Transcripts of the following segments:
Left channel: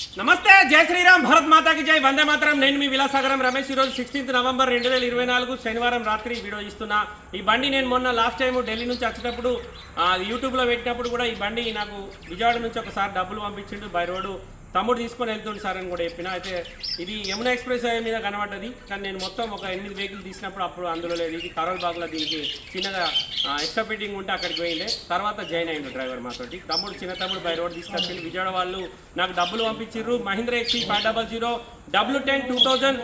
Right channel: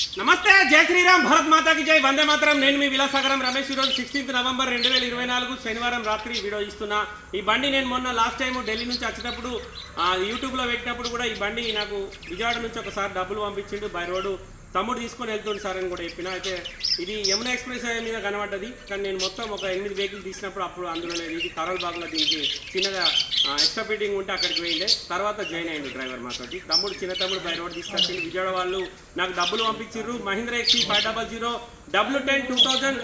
నమస్తే జై శ్రీరామ్ భరత్ మాతాకి జై. వందే మాత్రం. నేను మీ విలాసాగరం రమేష్. ఈరోజు సిక్స్టీన్త్ నవంబర్ రెండు వేల ఇరవై నాలుగు శనివారం రాత్రి వీడియో ఇస్తున్నా. ఈ బండి నేను మొన్న లాస్ట్ టైం ఢిల్లీ నుంచి వచ్చేటప్పుడు యూట్యూబ్లో పెట్టినప్పుడు కూడా ఈ బండి నాకు విజయవాడ నుంచి ఒకసారి డబ్బులు పంపించిండు బై రోడ్డు. తమ్ముడు తీసుకొని వెళ్తుండు సార్ అని కూడా చెప్పిన. అయితే ఇది యమున ఎక్స్ప్రెస్ హైవే మీద కనబడ్డది. కానీ నేను మొత్తం ఒక ఎనిమిది వెహికల్ తీసినప్పుడు అప్పుడు అందులో లేదు. ఇది కరోల్ బాగ్లో దీనికి చిన్నగా ఎక్స్ట్రా ఫిట్టింగ్ ఉంటే అక్కడికి పోయిండే. తర్వాత జాయిన్ అయ్యింది డ్రైవర్ మాతోటి. తమ్ముడు చిన్న తమ్ముడు బై రోడ్ తీసుకొచ్చింది విజయవాడ వాళ్ళు నాకు డబ్బులు పంపించారు Mahindra XUV five double zero W ten two thousand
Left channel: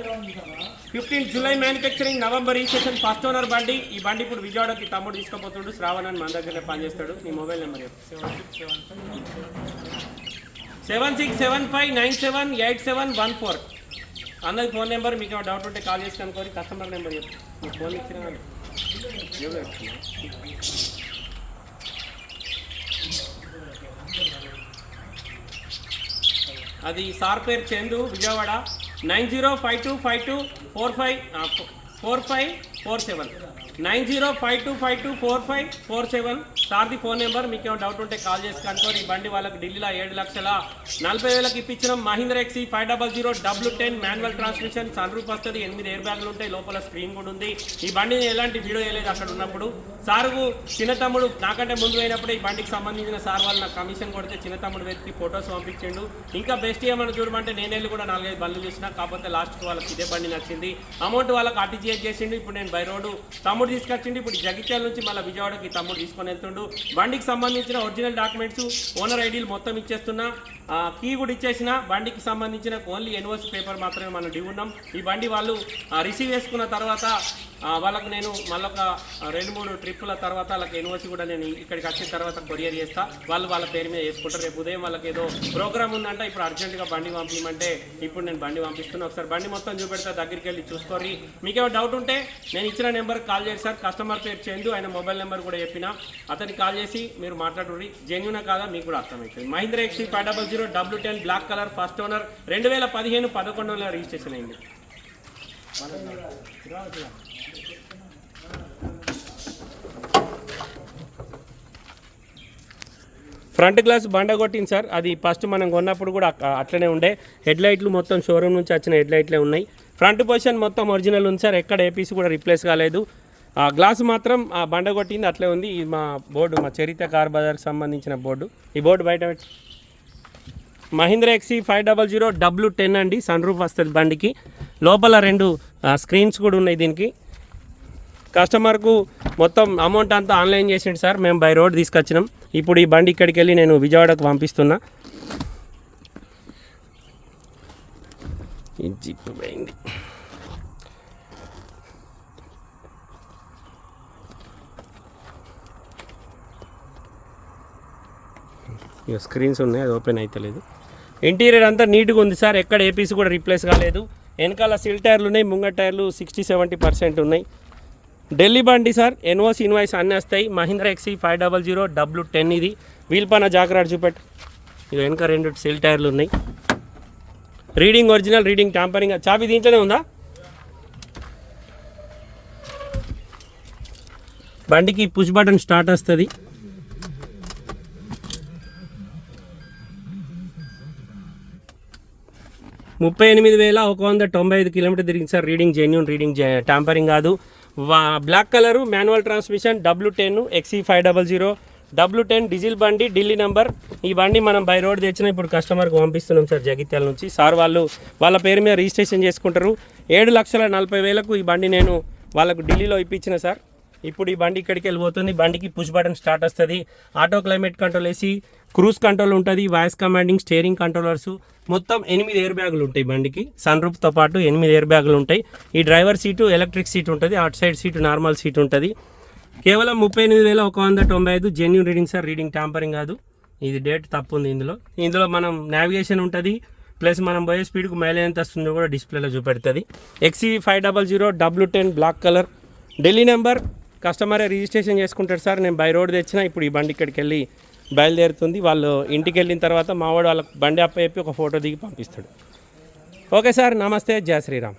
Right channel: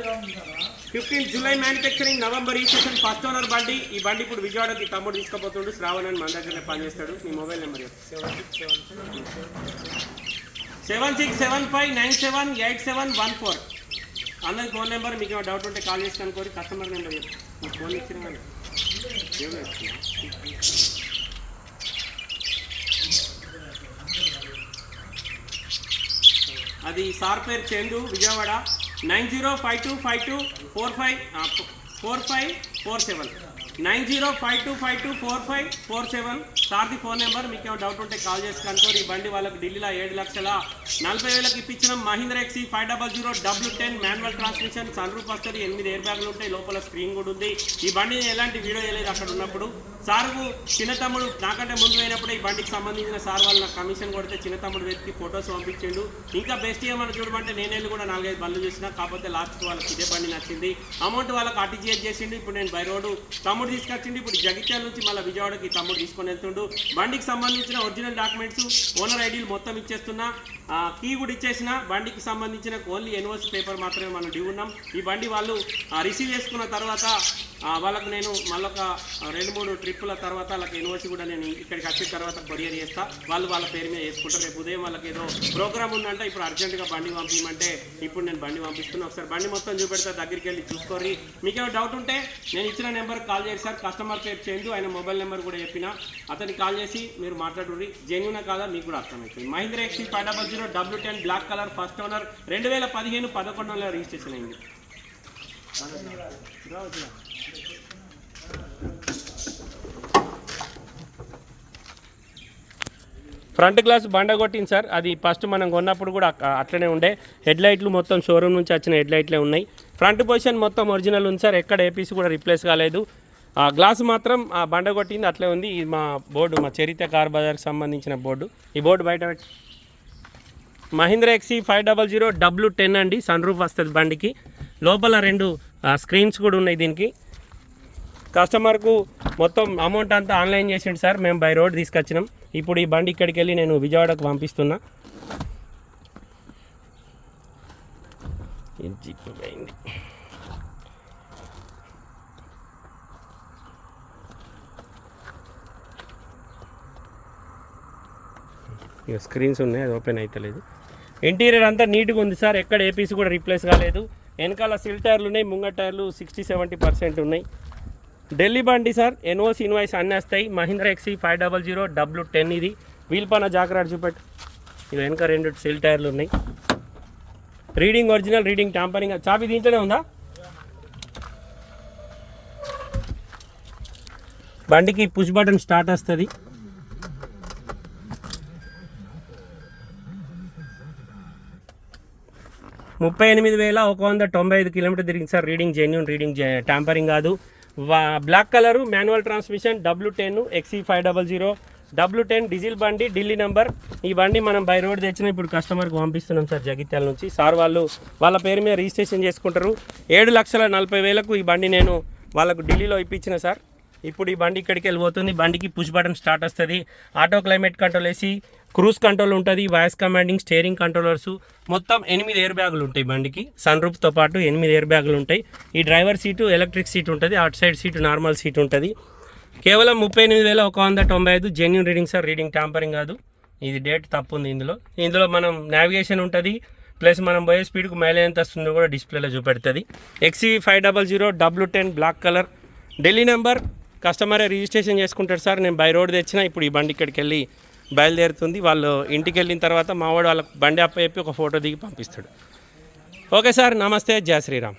fifteen July manufacturing November ఈ సెషన్ ఫస్ట్ ఓనర్ బండి. ఈ బండి ఇప్పుడు విజయవాడకి తమ్ముడు తీసుకుపోతుండు. శ్రావణ్ అని మన దగ్గర పనిచేస్తాడు. మీ mobile number seven six seven five nine seven eight seven one four అందరి ఫోన్ నెంబర్ మీకు డౌట్ ఉంటే కాల్ చేసి కనుకోరి కస్టమర్ నెంబర్ మీరు. ఫోన్ ఇచ్చిన అది సార్ పేరు Chandu Vijayawada. Nine zero five two five two four five four five four seven. Nine zero five two five two four five four seven. సార్ది phone number మీకు ఏమైనా doubt ఉంటే call చేసి కనుకోండి ఈ బండి వాళ్ళకి ఢిల్లీలో ఏడు లక్షల నలభై వేలకు ఇప్పించిన. Mahindra XUV five double zero W ten manual transmission sun roof వస్తుంది ఎనిమిది ఎయిర్ బ్యాగులు ఉంటాయి లోపల స్క్రీన్ కూడా ఉంది. ఈ బండి ఎలాంటి వీడియో వేయలేదు అక్కడ ఉన్నప్పుడు. సార్కు చిన్న తమ్ముడు నాకంటే ముందు అయినప్పుడు ఈ బండికి సంబంధించిన సార్ వాళ్ళు నాకు కమిషన్ కొడితే చిన్న తమ్ముడు వెతికి ఫొటోస్ పంపించిండు. ఇంకా బెస్ట్ ఏమని చూడమంటే నేను వెళ్ళి కూడా నాలుగైదు బండ్లు చేసిన కాకపోతే లాస్ట్కి వాళ్ళకి ఇదే బండి నచ్చింది. అమౌంట్ వాళ్ళకి ఆర్టీజీఎస్ చేసిండు ఇప్పుడు నేను బై రోడ్డు తమ్ముడు తీసుకొచ్చిండు. ఇప్పుడు జగిత్యాల నుంచి మళ్ళీ విజయవాడకి తమ్ముడు తీసుకొని వెళ్తుండే. బండికి సంబంధించిన ఒరిజినల్ డాక్యుమెంట్స్ ఓనర్ ఐడీలు మొత్తం ఇచ్చేస్తున్నా. కీ కూడా ఇచ్చేసిన బండికి సంబంధించిన ఓన్లీ ఎన్ఓసి పేపర్ మాత్రమే మనం డ్యూ ఉన్నాం. ఈ బండి వాళ్ళు రిసీవ్ చేసుకున్న తర్వాత వాళ్ళకు నేను మళ్ళొక రెండు మూడు ట్రిప్పుల తర్వాత వాళ్ళకి ఎన్ఓసి కూడా నేను ఇక్కడికి వచ్చిన తర్వాత కొరియర్ చేస్తా. వాళ్ళు వాళ్ళ పేరు మీద వేసుకుంటారు. రేపు ఉదయం వాళ్ళకి ఏదో ప్రోగ్రామ్ ఉందంటే ఇప్పుడు అర్జెంటుగా బండి పంపించమంటే ఇప్పుడు నేను బండి పంపిస్తున్నా. ఒకసారి బండి మొత్తం చూపెడతా దగ్గరికి వెళ్ళి చూసుకోరి మీకేమో డౌట్ ఉంటే నేను ఇచ్చిన నెంబర్ కాల్ చేసి సార్. కస్టమర్ కేర్ చేయండి ఆయన మొబైల్ నెంబర్ కూడా చెప్పిన. అతను అతనికి కాల్ చేసి మీరు మాట్లాడుకుని జెన్యునా కాదా? మీకు కూడా అర్థమవుతుంది. Mahindra XUV five double zero W ten black colour first owner రెండు వేల పదిహేను పదకొండు వందల రిజిస్ట్రేషన్ అయింది. ఫ్రంట్ గ్లాస్ బండ కొట్టింది సార్. అది ఫస్ట్ మనం కొన్నప్పుడు కూడా అట్లనే ఉండే. హెడ్ లైట్లు మొత్తం షోరూమ్ నుంచి వచ్చిన హెడ్ లైట్లే ఉన్నాయి. ఫ్రంట్ పొజిషన్ మొత్తం ఒరిజినల్ ఉంది సార్. ఎక్కడ ఏపీసీ కూడా రిప్లేస్ కాలేదు. ఆ గ్లాస్ మాత్రం ఆ బండ కొట్టింది అట్లే ఉంది. ఇది మా బోర్డు మా చరిత్ర కార్ బజార్కి సంబంధించిన బోర్డు. ఈ బోర్డు బయట పెట్టి Mahindra XUV five double zero W ten అండి సన్ రూఫ్ వస్తుంది బండికి. లోపల రెండు స్క్రీన్స్ కూడా ఉన్నాయి దీనికి. కస్టమర్కు మొత్తం అమౌంట్ అంతా ఆన్లైన్ చేసిండు సార్. మేము బై రోడ్ తీసుకొచ్చినాం. ఇప్పుడు ఈ బండి ఇక్కడికి వెళ్ళి నేను విజయవాడకు పంపిస్తున్నా. ఈ జిప్ పోయింది. ఇక స్క్రీన్స్ ఉన్నాయి అది ఓపెన్ అవుతలేదు ఇంటీరియర్ అంతా నీట్గా ఉంది సార్ ఎక్కడ ఏపీసీ కూడా రీప్లేస్ కాలేదు. వెనకాల సిల్ టైర్లు ఉన్నాయి ముంగ టైర్లు సిక్స్టీ సెవెంటీ పర్సెంట్ ఉన్నాయి. ఢిల్లీ బండి సార్ ఎన్ఓసి ఇన్వాయిస్ అన్నీ వస్తాయి. Mahindra XUV five double zero W ten ఇది. వీల్ పైన జాగ్రత్త చూపెట్టు. ఇక వెనక రెండు సిల్ టైర్లు ఉన్నాయి. రీడింగ్ ఒరిజినల్ రీడింగ్ ట్యాంపరింగ్ చాపి దీంట్లోనే ఉందా? బండికి పుష్ బటన్ స్టార్ట్ వస్తుంది. ముప్పై ఎనిమిది వేల ఒక వంద తొంభై ఐదు కిలోమీటర్ తిరిగింది sir. Reading genuine reading tampering కాదు. వా black colour manual transmission W ten XUV five double zero W ten diesel బండి ఢిల్లీ నెంబర్. ఈ బండి మనం బై రోడ్ తెచ్చిన ఇప్పుడు కస్టమర్కి పంపిస్తున్నాం సార్ జగిత్యాల నుంచి. సార్ వాళ్ళు వాళ్ళ పేరు మీద రిజిస్ట్రేషన్ చేసుకుంటారు. ఏడు లక్షల నలభై వేలకు ఈ బండి నేను వాళ్ళకు ఢిల్లీలో ఇప్పించిన సార్. ఇప్పుడు ఈ బండి ఇక్కడికి వెళ్ళిపోతుంది. బండికి పుష్ బటన్ స్టార్ట్ వస్తుంది. ఆటో క్లైమేట్ కంట్రోల్ వేసి క్రూజ్ కంట్రోల్ ఉంటుంది వాయిస్ కమాండింగ్ స్టీరింగ్ కంట్రోలర్స్. మొత్తం ఎనిమిది ఎయిర్ బ్యాగులు ఉంటాయి బండికి. సన్ రూఫ్తో పాటు ఎనిమిది ఎయిర్ బ్యాగులు ఉంటాయి. ఈ డ్రైవర్ సీటు ఎలక్ట్రిక్ సీట్ ఉంటుంది అటు సైడ్ సీటు నార్మల్ సీట్ ఉంటుంది. కేవలం ముప్పై ఎనిమిది వేల ఒక వంద తొంభై ఐదు genuine reading sir reading tampering కాదు. ఇది డేట్ తప్పు ఉంది ఇందులో. ఇందులో మనం నావిగేషన్ ఉంటుంది ప్లస్ మనం పోయే స్పీడ్కు మైలేజ్ ఎంత వస్తుందో కూడా డిస్ప్లేలో చూపెడుతుంది. XUV five double zero W ten black colour Delhi number కస్టమరే registration చేసుకుంటాడు సార్ నేను బై రోడ్ తెచ్చిన ఇప్పుడు ఈ బండి ఇక్కడికి వెళ్ళి బయలుదేరుతుంది. వాళ్ళు ఇంటికి వెళ్ళిన తర్వాత మావాడు వాళ్ళకి బండి అప్ప చెప్పి ఒక ఫోటో దిగి పంపిస్తాడు. ఓకే సార్ నమస్తే. జయ శ్రీరామ్.